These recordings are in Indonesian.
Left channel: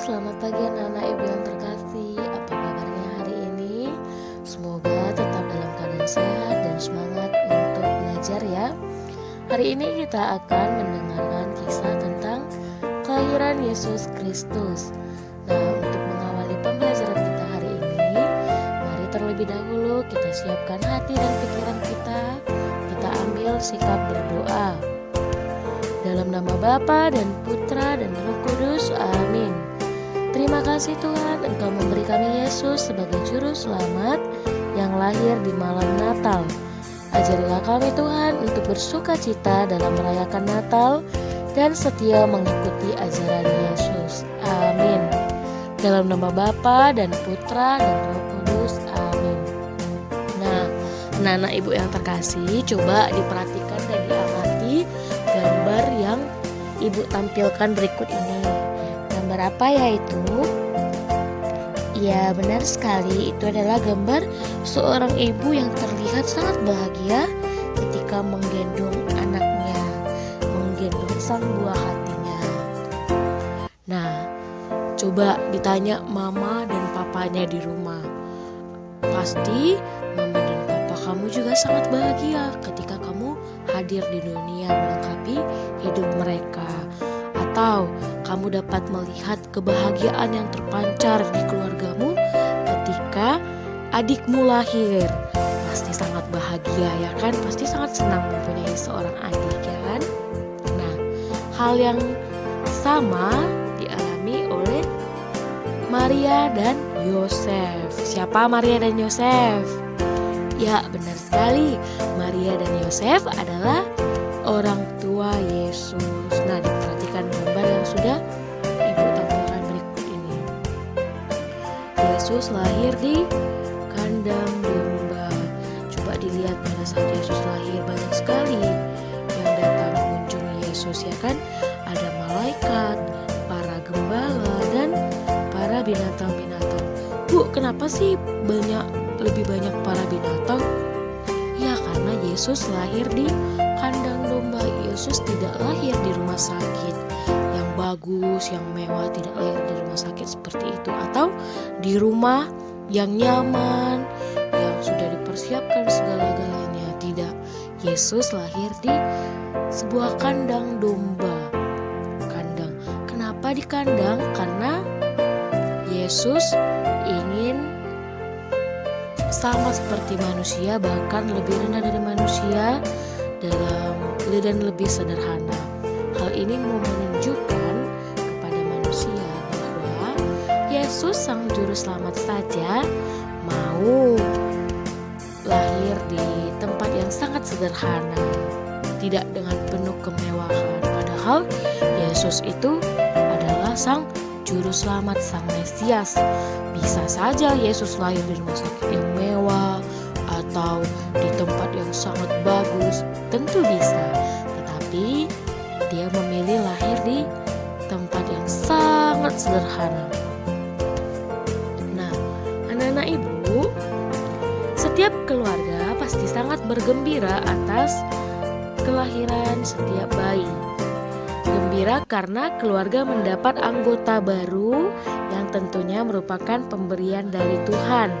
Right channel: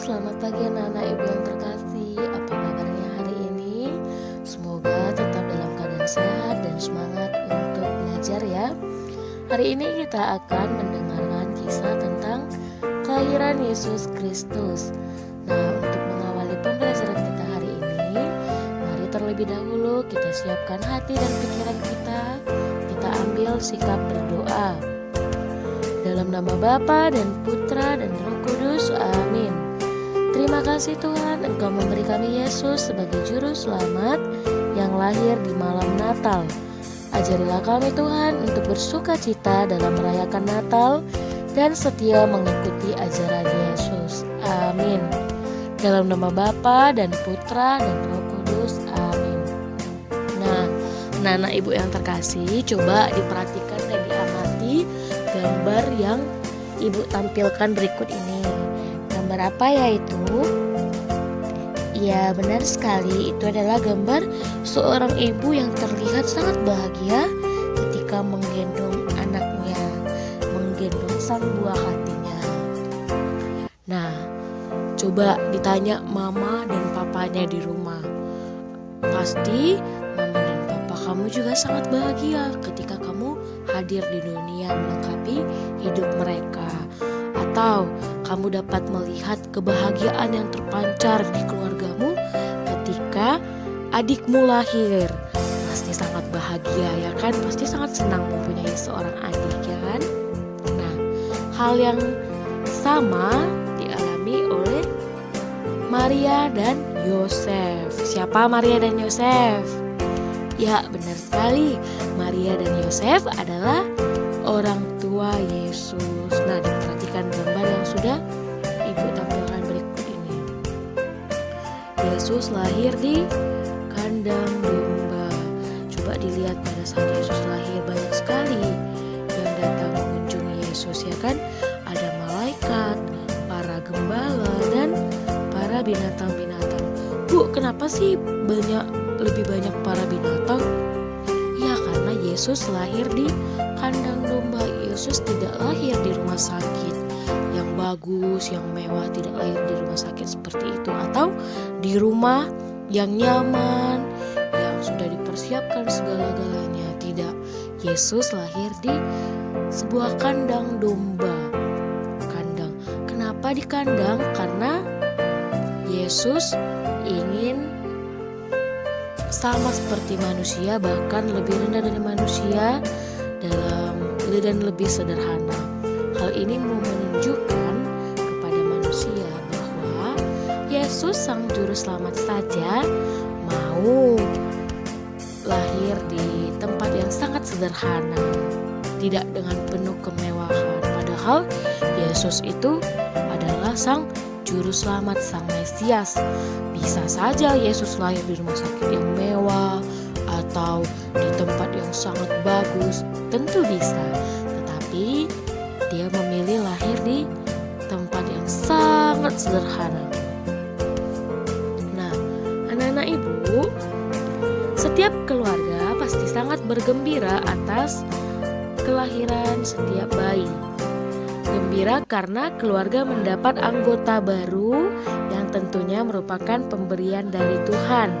selamat pagi anak-anak ibu yang terkasih. Apa kabarnya hari ini? Semoga tetap dalam keadaan sehat dan semangat untuk belajar ya. Hari ini kita akan mendengarkan kisah tentang kelahiran Yesus Kristus. Nah, untuk mengawali pembelajaran kita hari ini, mari terlebih dahulu kita siapkan hati dan pikiran kita. Kita ambil sikap berdoa. Dalam nama Bapa dan Putra dan Roh Kudus, amin. Terima kasih Tuhan, Engkau memberi kami Yesus sebagai juru selamat yang lahir di malam Natal. Ajarilah kami Tuhan untuk bersuka cita dalam merayakan Natal dan setia mengikuti ajaran Yesus, amin. Dalam nama Bapa dan Putra dan Roh Kudus, amin. Nah, anak-anak ibu yang terkasih, coba diperhatikan dan diamati gambar yang ibu tampilkan berikut ini. Gambar apa ya itu? Ya, benar sekali, itu adalah gambar seorang ibu yang terlihat sangat bahagia ketika menggendong anaknya, menggendong sang buah hatinya. Nah, coba ditanya mama dan papanya di rumah. Pasti mama dan papa kamu juga sangat bahagia ketika kamu hadir di dunia melengkapi hidup mereka. Atau kamu dapat melihat kebahagiaan yang terpancar di keluargamu ketika adikmu lahir. Pasti sangat bahagia ya kan? Pasti sangat senang mempunyai seorang adik ya kan? Nah, hal yang sama dialami oleh Maria dan Yosef. Siapa Maria dan Yosef? Ya, benar sekali. Maria dan Yosef adalah orang tua Yesus. Nah, diperhatikan gambar yang sudah ibu tampilkan berikut ini. Yesus lahir di kandang domba. Coba dilihat pada saat Yesus lahir banyak sekali yang datang mengunjungi Yesus ya kan? Ada malaikat, para gembala dan para binatang-binatang. Bu, kenapa sih lebih banyak para binatang? Ya, karena Yesus lahir di kandang domba. Yesus tidak lahir di rumah sakit yang bagus, yang mewah, tidak lahir di rumah sakit seperti itu, atau di rumah yang nyaman, yang sudah dipersiapkan segala-galanya. Tidak, Yesus lahir di sebuah kandang domba. Kandang. Kenapa di kandang? Karena Yesus ingin sama seperti manusia, bahkan lebih rendah dari manusia dan lebih sederhana. Hal ini mau menunjukkan kepada manusia bahwa Yesus sang juru selamat saja mau lahir di tempat yang sangat sederhana, tidak dengan penuh kemewahan. Padahal Yesus itu adalah sang juru selamat, sang Mesias. Bisa saja Yesus lahir di rumah sakit yang mewah atau di tempat yang sangat bagus, tentu bisa. Tetapi dia memilih lahir di tempat yang sangat sederhana. Nah, anak-anak ibu, setiap keluarga pasti sangat bergembira atas kelahiran setiap bayi. Gembira karena keluarga mendapat anggota baru yang tentunya merupakan pemberian dari Tuhan.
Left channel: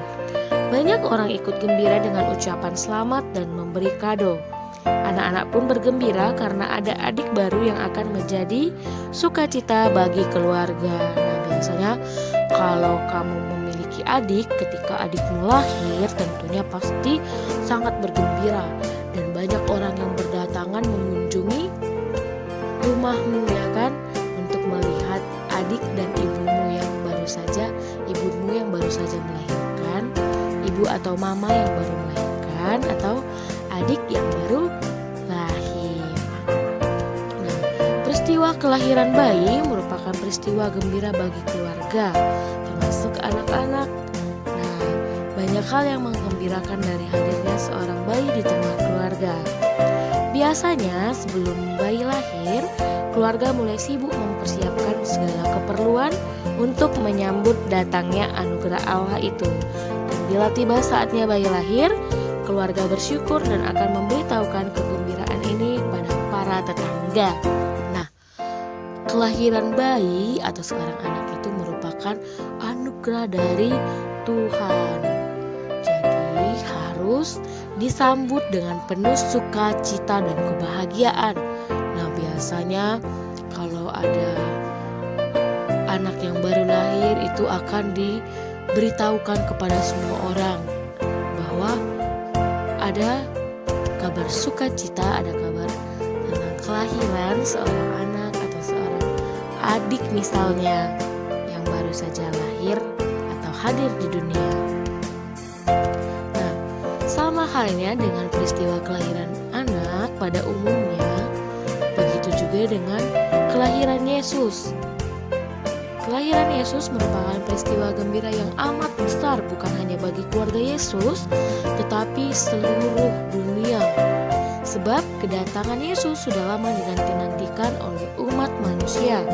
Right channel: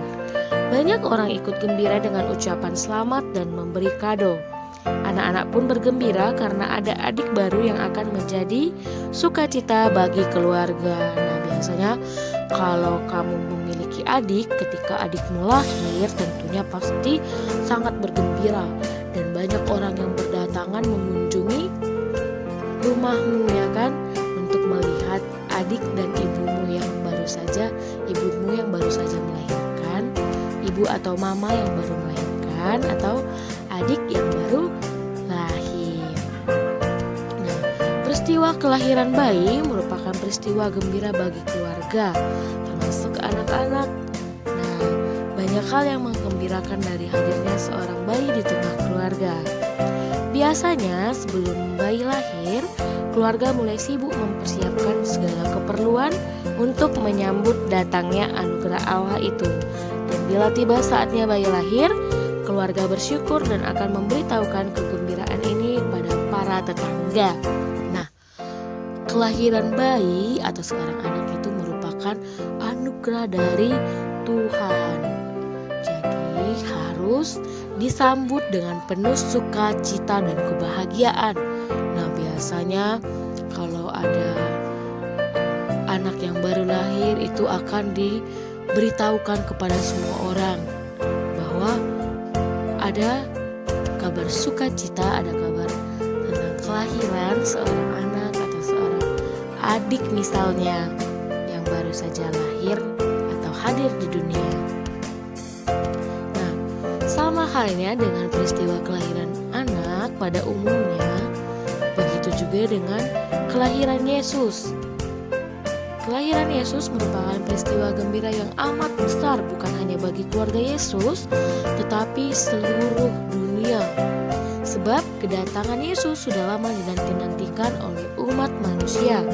Banyak orang ikut gembira dengan ucapan selamat dan memberi kado. Anak-anak pun bergembira karena ada adik baru yang akan menjadi sukacita bagi keluarga. Nah, biasanya kalau kamu memiliki adik, ketika adikmu lahir tentunya pasti sangat bergembira. Dan banyak orang yang berdatangan mengunjungi rumahmu ya kan, untuk melihat adik dan ibumu yang baru saja melahirkan, ibu atau mama yang baru melahirkan, atau adik yang baru lahir. Nah, peristiwa kelahiran bayi merupakan peristiwa gembira bagi keluarga, termasuk anak-anak. Nah, banyak hal yang menggembirakan dari hadirnya seorang bayi di tengah keluarga. Biasanya sebelum bayi lahir, keluarga mulai sibuk mempersiapkan segala keperluan untuk menyambut datangnya anugerah Allah itu. Dan bila tiba saatnya bayi lahir, keluarga bersyukur dan akan memberitahukan kegembiraan ini pada para tetangga. Nah, kelahiran bayi atau seorang anak itu merupakan anugerah dari Tuhan. Jadi harus disambut dengan penuh sukacita dan kebahagiaan. Nah, biasanya kalau ada anak yang baru lahir itu akan diberitahukan kepada semua orang bahwa ada kabar sukacita, ada kabar tentang kelahiran seorang anak atau seorang adik misalnya yang baru saja lahir atau hadir di dunia. Nah, sama halnya dengan peristiwa kelahiran anak pada umumnya, begitu juga dengan kelahiran Yesus. Kelahiran Yesus merupakan peristiwa gembira yang amat besar bukan hanya bagi keluarga Yesus, tetapi seluruh dunia. Sebab kedatangan Yesus sudah lama dinanti-nantikan oleh umat manusia.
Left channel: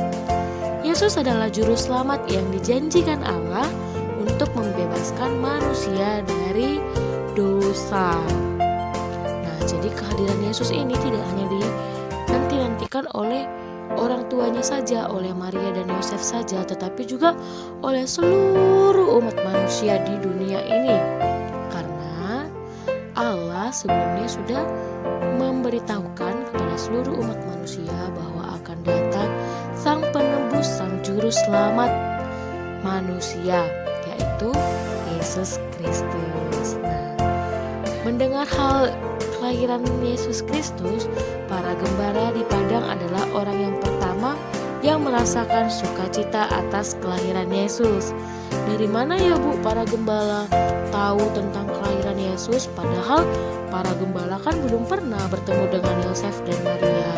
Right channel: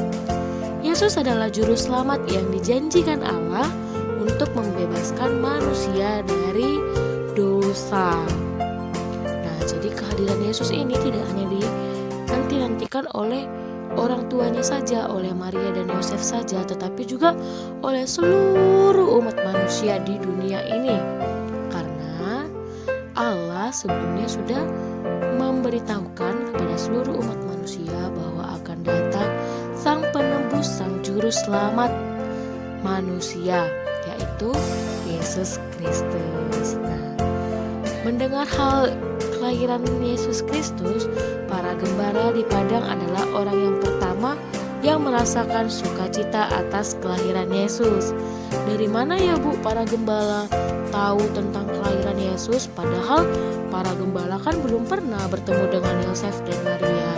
Yesus adalah juru selamat yang dijanjikan Allah untuk membebaskan manusia dari dosa. Nah, jadi kehadiran Yesus ini tidak hanya dinanti-nantikan oleh orang tuanya saja, oleh Maria dan Yosef saja, tetapi juga oleh seluruh umat manusia di dunia ini. Karena Allah sebelumnya sudah memberitahukan kepada seluruh umat manusia bahwa akan datang Sang Penebus, Sang Juru Selamat manusia, yaitu Yesus Kristus. Nah, mendengar hal kelahiran Yesus Kristus, para gembala di padang adalah orang yang pertama yang merasakan sukacita atas kelahiran Yesus. Dari mana ya Bu para gembala tahu tentang kelahiran Yesus, padahal para gembala kan belum pernah bertemu dengan Yosef dan Maria?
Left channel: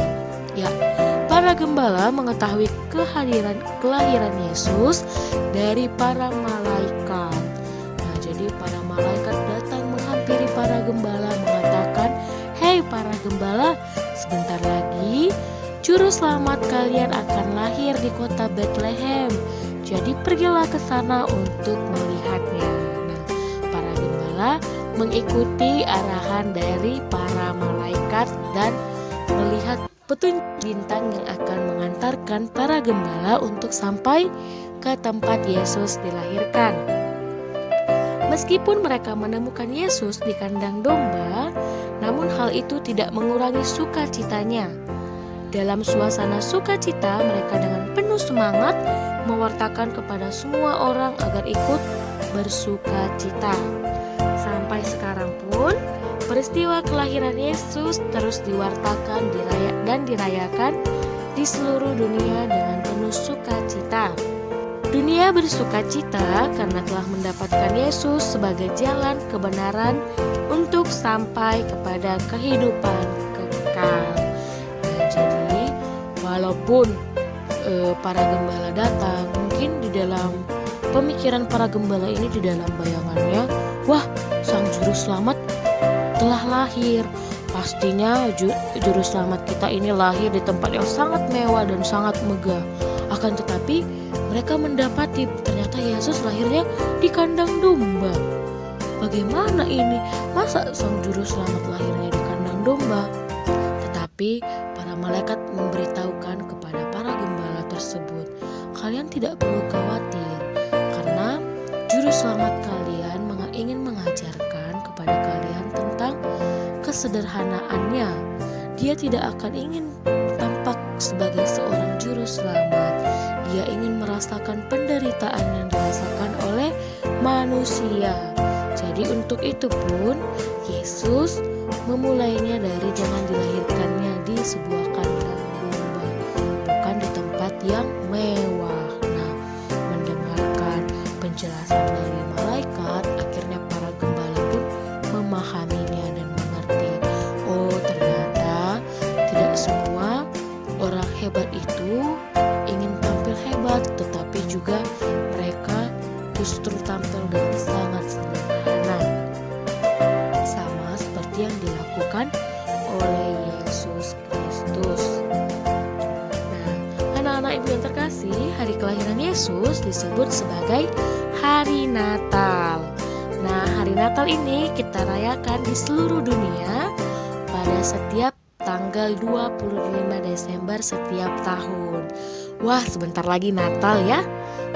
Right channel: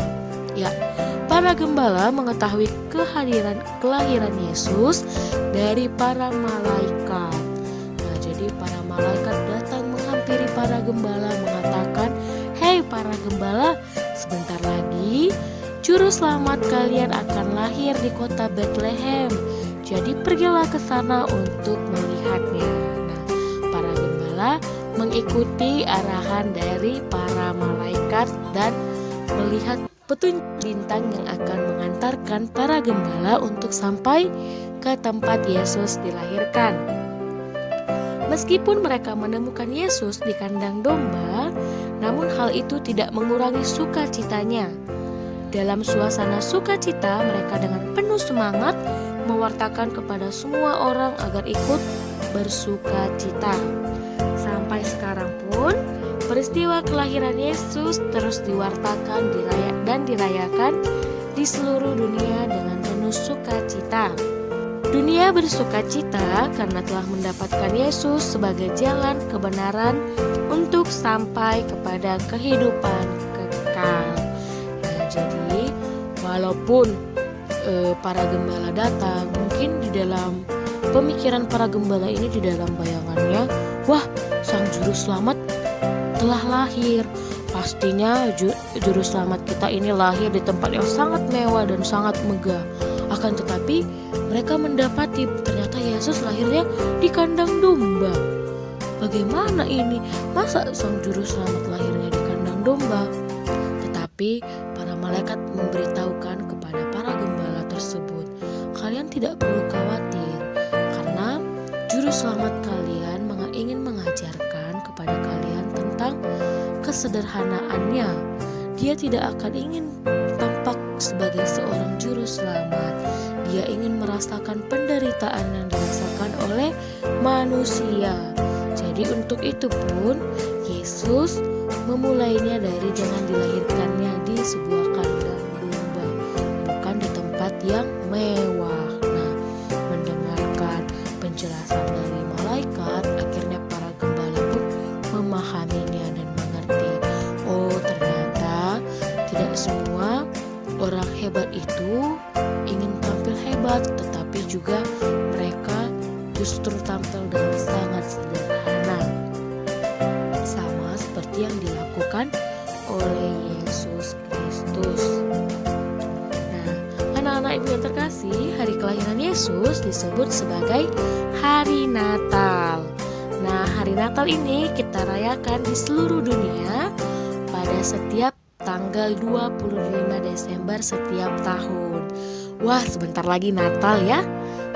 Ya, para gembala mengetahui kelahiran Yesus dari para malaikat. Jadi para malaikat datang menghampiri para gembala mengatakan, "Hei para gembala, sebentar lagi Juru Selamat kalian akan lahir di kota Bethlehem. Jadi pergilah ke sana untuk melihatnya." Nah, para gembala mengikuti arahan dari para malaikat dan melihat petunjuk bintang yang akan mengantarkan para gembala untuk sampai ke tempat Yesus dilahirkan. Meskipun mereka menemukan Yesus di kandang domba, namun hal itu tidak mengurangi sukacitanya. Dalam suasana sukacita, mereka dengan penuh semangat mewartakan kepada semua orang agar ikut bersukacita. Sampai sekarang pun, peristiwa kelahiran Yesus terus diwartakan dan dirayakan di seluruh dunia dengan penuh sukacita. Dunia bersukacita karena telah mendapatkan Yesus sebagai jalan kebenaran untuk sampai kepada kehidupan kekal. Nah, jadi walaupun para gembala datang, mungkin di dalam pemikiran para gembala ini, di dalam bayangannya, wah, Sang Juru Selamat telah lahir. Pastinya Juru Selamat kita ini lahir di tempat yang sangat mewah dan sangat megah. Akan tetapi mereka mendapati ternyata Yesus lahirnya di kandang domba. Bagaimana ini? Masa Sang Juru Selamat lahirnya di kandang domba? Tetapi para malaikat memberitahukan kepada para gembala tersebut, "Kalian tidak perlu khawatir, karena Juru Selamat kalian ingin mengajarkan kepada kalian tentang kesederhanaannya. Dia tidak akan ingin tampak sebagai seorang juru selamat. Dia ingin merasakan penderitaan yang dirasakan oleh manusia. Jadi untuk itu pun Yesus memulainya dari dengan dilahirkannya di sebuah kandang domba, bukan di tempat yang mewah." Nah, mendengarkan penjelasan dari malaikat, akhirnya para gembala pun memahaminya dan mengerti. Oh, ternyata tidak semua orang hebat itu ingin tampil hebat, tetapi juga mereka justru tampil dengan sangat sederhana, sama seperti yang dilakukan oleh Yesus Kristus. Nah, anak-anak ibu yang terkasih, hari kelahiran Yesus disebut sebagai hari Natal. Nah, hari Natal ini kita rayakan di seluruh dunia pada setiap tanggal 25 Desember setiap tahun. Wah, sebentar lagi Natal ya.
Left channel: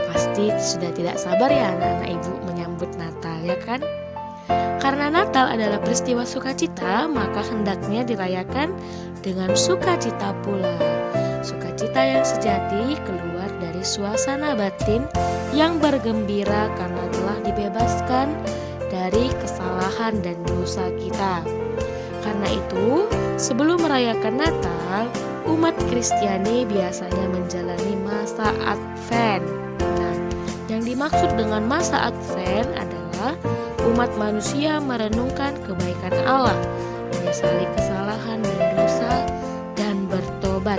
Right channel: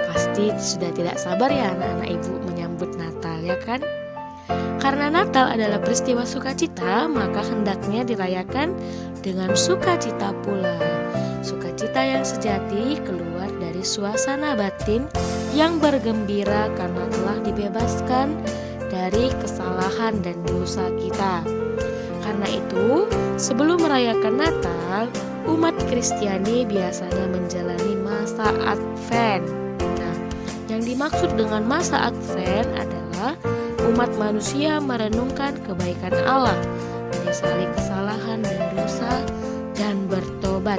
Pasti sudah tidak sabar ya anak-anak ibu menyambut Natal ya kan? Karena Natal adalah peristiwa sukacita, maka hendaknya dirayakan dengan sukacita pula. Sukacita yang sejati keluar dari suasana batin yang bergembira karena telah dibebaskan dari kesalahan dan dosa kita. Karena itu, sebelum merayakan Natal, umat Kristiani biasanya menjalani masa Advent. Nah, yang dimaksud dengan masa Advent adalah umat manusia merenungkan kebaikan Allah, menyesali kesalahan dan dosa, dan bertobat.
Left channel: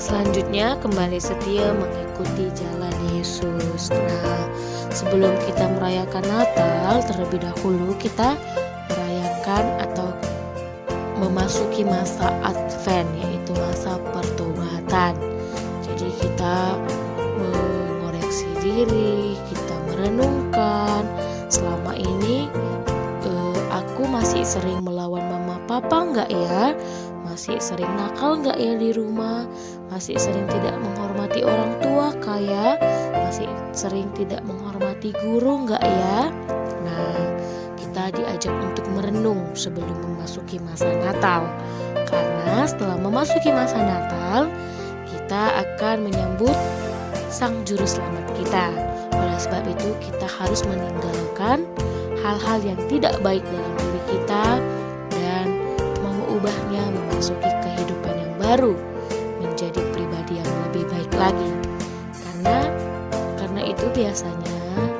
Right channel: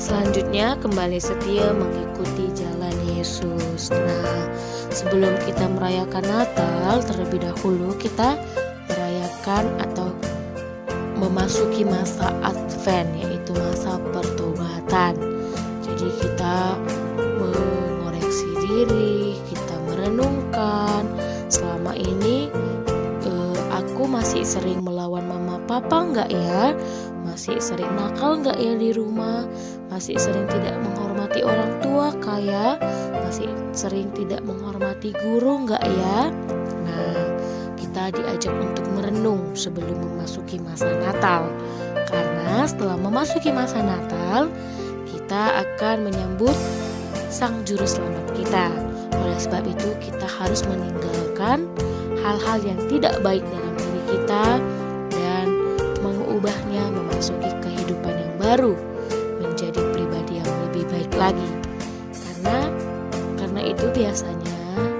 Selanjutnya kembali setia mengikuti jalan Yesus. Nah, sebelum kita merayakan Natal, terlebih dahulu kita merayakan atau memasuki masa Advent, yaitu masa pertobatan. Jadi kita mengoreksi diri, kita merenungkan selama ini aku masih sering melawan mama papa enggak ya? Masih sering nakal enggak ya di rumah? Masih sering tidak menghormati orang tua kaya? Masih sering tidak menghormati guru enggak ya? Nah, kita diajak untuk merenung sebelum memasuki masa Natal. Karena setelah memasuki masa Natal, kita akan menyambut Sang Juru Selamat kita. Oleh sebab itu kita harus meninggalkan hal-hal yang tidak baik dalam diri kita dan mengubahnya memasuki kehidupan yang baru, menjadi pribadi yang lebih baik lagi. Karena itu biasanya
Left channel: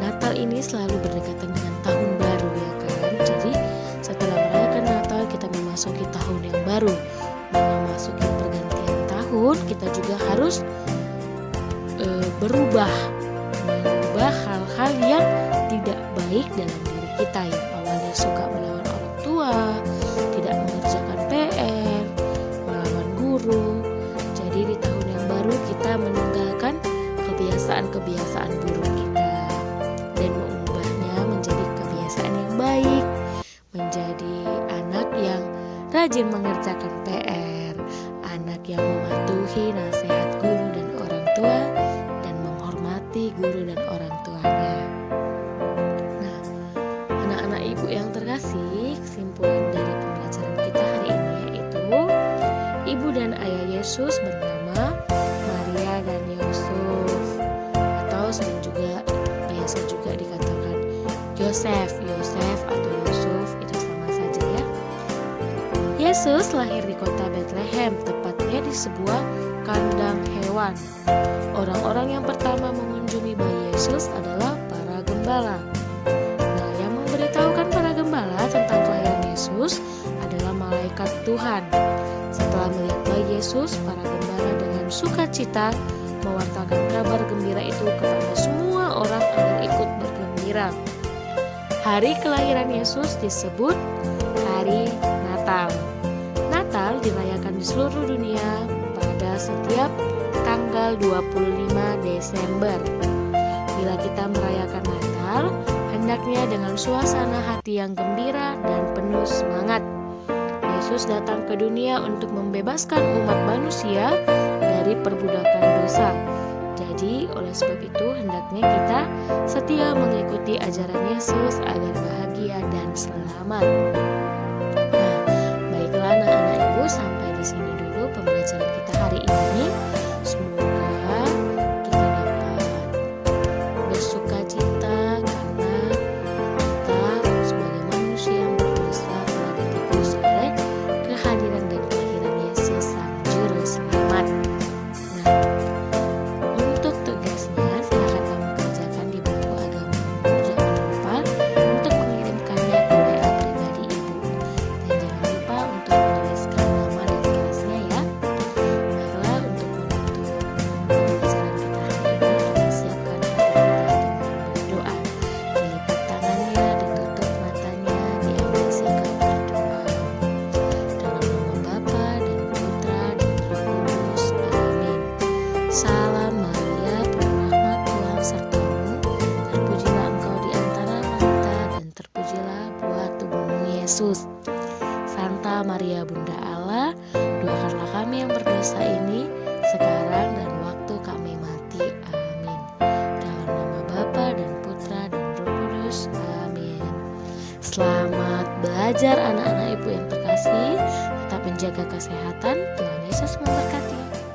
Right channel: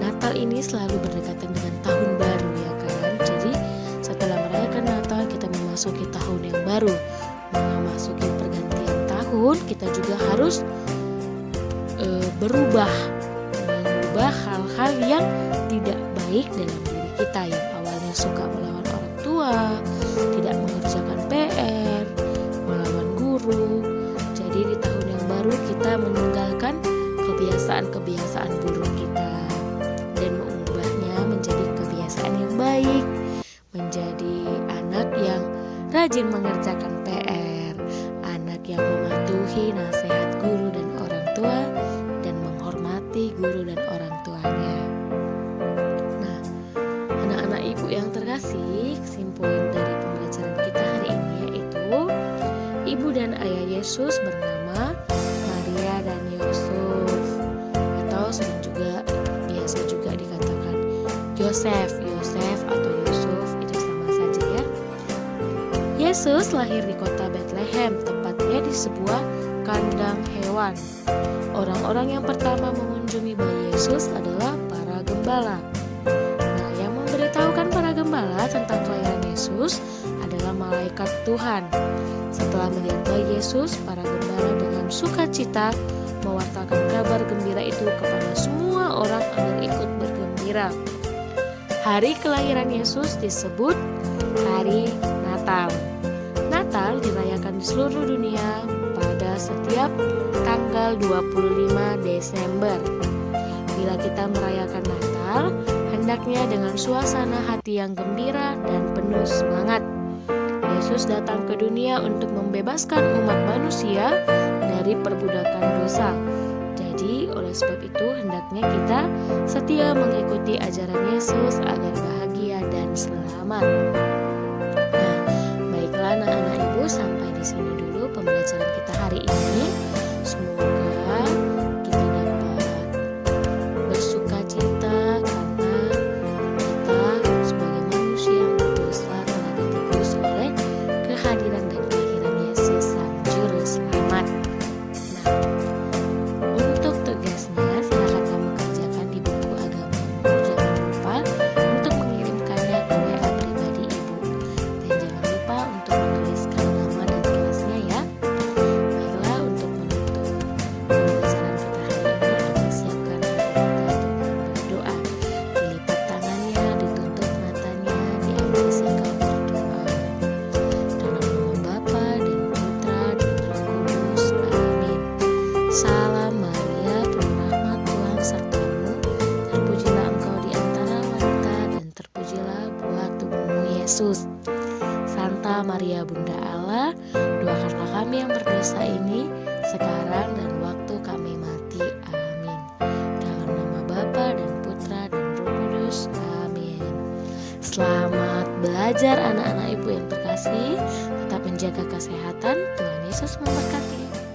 Natal ini selalu berdekatan dengan tahun baru ya kan. Jadi setelah merayakan Natal kita memasuki tahun yang baru, memasuki pergantian tahun. Kita juga harus mengubah hal-hal yang tidak baik dalam diri kita, yang awalnya suka melawan orang tua, tidak mengerjakan PR, melawan guru. Jadi di tahun yang baru kita meninggalkan kebiasaan-kebiasaan buruk kita dan mengubahnya menjadi kebiasaan yang baik, menjadi anak yang rajin mengerjakan PR, anak yang mematuhi nasihat guru dan orang tua dan menghormati guru dan orang tuanya. Nah, anak-anak ibu yang terkasih, kesimpulan dari pembelajaran kita hari ini yaitu ibu dan ayah Yesus bernama Maria dan Yusuf, atau biasa juga dikatakan Yosef atau Yusuf, itu sama saja ya. Yesus lahir di kota Bethlehem, tepatnya di sebuah kandang hewan. Orang-orang yang pertama mengunjungi bayi Yesus adalah para gembala. Nah, yang memberitahukan para gembala tentang kelahiran Yesus adalah malaikat Tuhan. Setelah melihat bayi Yesus, para gembala dengan sukacita mewartakan kabar gembira itu kepada semua orang agar ikut bergembira. Hari kelahiran Yesus disebut hari Natal. Natal dirayakan di seluruh dunia pada setiap tanggal 25 Desember. Bila kita merayakan Natal, hendaknya dengan suasana hati yang gembira dan penuh semangat. Yesus datang ke dunia untuk membebaskan umat manusia dari perbudakan dosa. Jadi, oleh sebab itu hendaknya kita setia mengikuti ajaran Yesus agar bahagia dan selamat. Nah, baiklah anak-anak ibu, sampai di sini dulu pembelajaran kita hari ini. Semoga kita dapat bersukacita karena kita sebagai manusia yang berdosa telah ditebus oleh kehadiran dan kelahiran Yesus Sang Juru Selamat. Nah, untuk tugasnya silakan kamu kerjakan di buku agamamu. Jangan lupa untuk mengirimkannya ke WA pribadi ibu. Dan jangan lupa untuk menuliskan nama dan kelasnya ya. Baiklah, untuk menutup pembelajaran kita hari ini, kita siapkan hati kita dengan berdoa. Dilipat tangannya, ditutup matanya, diambil sikap berdoa. Dalam nama Bapa dan Putra dan Roh Kudus. Amin. Salam Maria, penuh rahmat, Tuhan sertamu. Terpujilah engkau di antara wanita dan terpujilah buah tubuhmu Yesus. Santa Maria Bunda Allah, doakanlah kami yang berdosa ini sekarang dan waktu kami mati. Amin. Dalam nama Bapa dan Putra dan Roh Kudus. Amin. Selamat belajar anak-anak ibu yang terkasih. Tetap menjaga kesehatan. Tuhan Yesus memberkati.